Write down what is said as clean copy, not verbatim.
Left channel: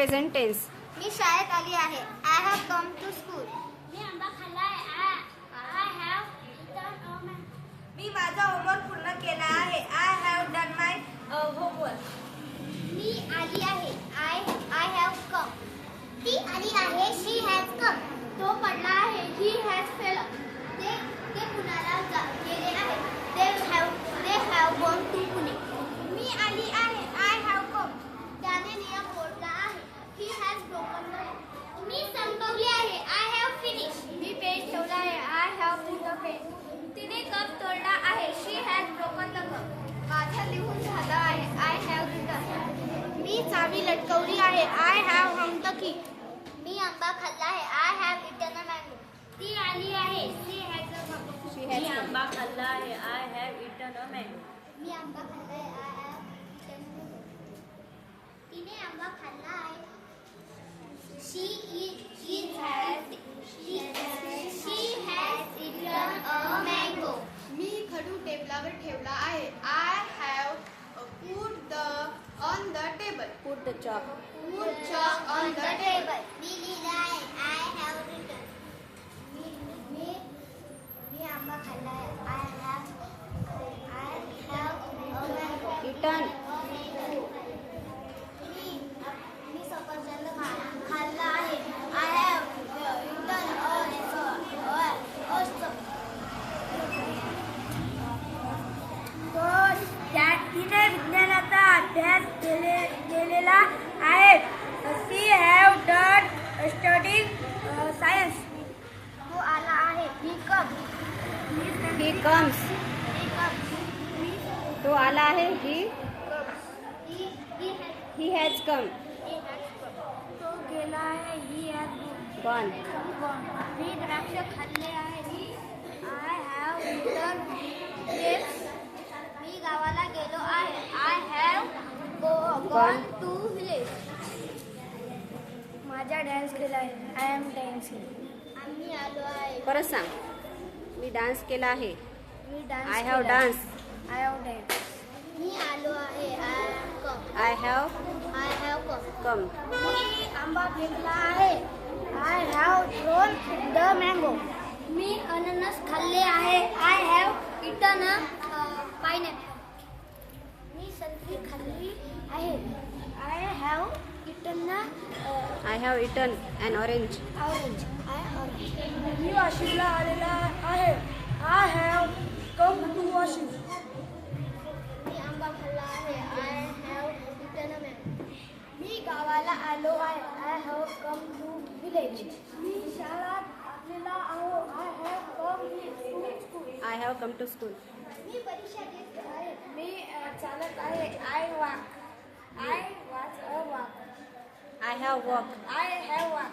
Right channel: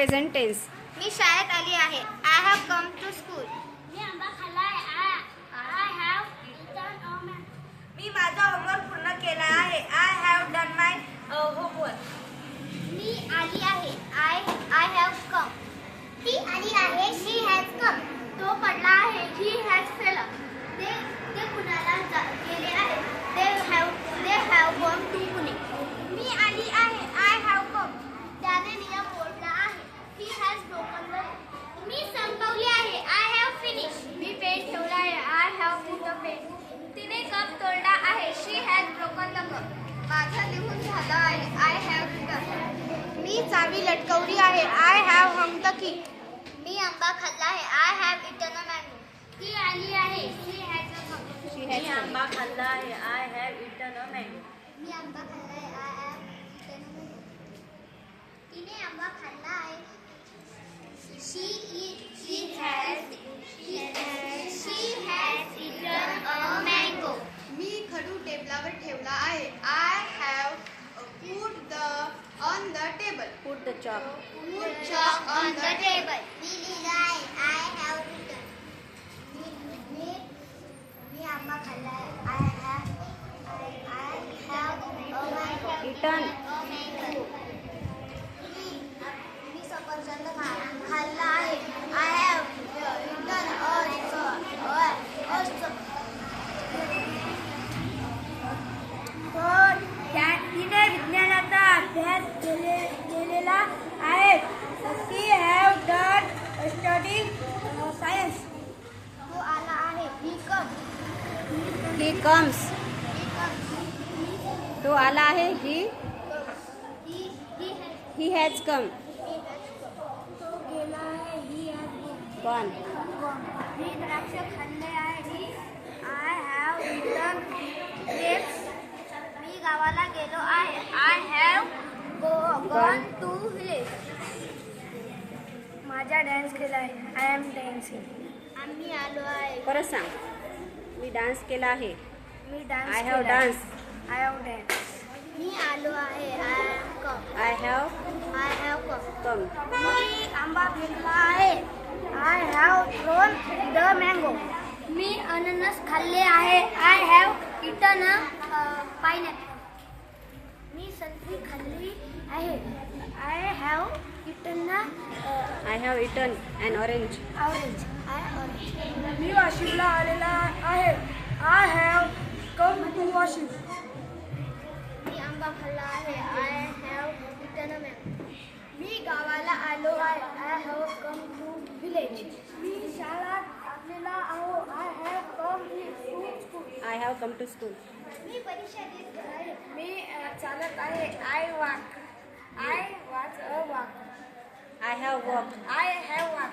Present tense. मी शाळेत आली आहे. I have come to school. मी आंबा खाल्ला आहे. I have eaten a mango. मी माझा होमवर्क पूर्ण केला आहे. I have done my homework. मी आली आहे. I have come. ती आली आहे. She has come. तो पडला आहे. He has fell. ते पुण्याला गेले आहे. They have gone to Pune. मी आली आहे. I have come. त्याने नियम मोडला आहे. He has broken the rule. मी संपवली आहे. I have finish. मी पेन ठेवला आहे. I have put the pen. तिने कप तोडला आहे. She has broken the cup. माझं लिहून झालं आहे. I have return. मी चावी लटकवली आहे. I have hung the key. मी आंबा खाल्ला आहे. I have eaten a mango. ती आली आहे. She has a cup. मी आंबा खाल्ला आहे. I have eaten a mango. मी आंबा खाल्ला आहे. I have eaten a mango. तिने आंबा खाल्ला आहे. She has eaten a mango. मी खडू टेबलावर ठेवला आहे. I have put the on the table. Put the chalk. Put chalk on the table. मी लिहिलं आहे. I have written. मी आंबा खाल्ला आहे. I have a mango. Eaten. मी सफरचंद खाल्ला आहे. I have eaten तिने विज्ञानाचा अभ्यास केलेला आहे. शी हॅव डन स्टडी सायन्स. तो आला आहे. He comes. He comes. He comes. तो आला आहे. ही He he has come. has come. तो गेला आहे. He has gone. मी द्राक्ष खाल्ले आहे. I have eaten grapes. मी गावाला गेलो आहे. I have gone to village. माझा डान्स केला आहे. I am dancing. आम्ही आलो आहे. परत सांग. मी डान्स केला आहे. मी dance I have dance. I have dance. मी आलो आहे. I have come. I have come. मी आंबा फेकला आहे. I have thrown the mango. मी अननस खाल्ले आहे. I have eaten a pineapple. मी संत्री खाल्ली आहे. I have eaten I have eaten an orange. Orange. मी वाशिमला आलेला आहे. I have come to Washim. मी आंबा खाल्ला आहे. I have eaten a mango. मी गावाला आलो आहे. I have come to village. मी शाळेत आलेला आहो. I have come to school. I have come to school. मी परीक्षा देत आहे. मी चालत आहे. I walk. I watch a walk. I have walk. I have walk.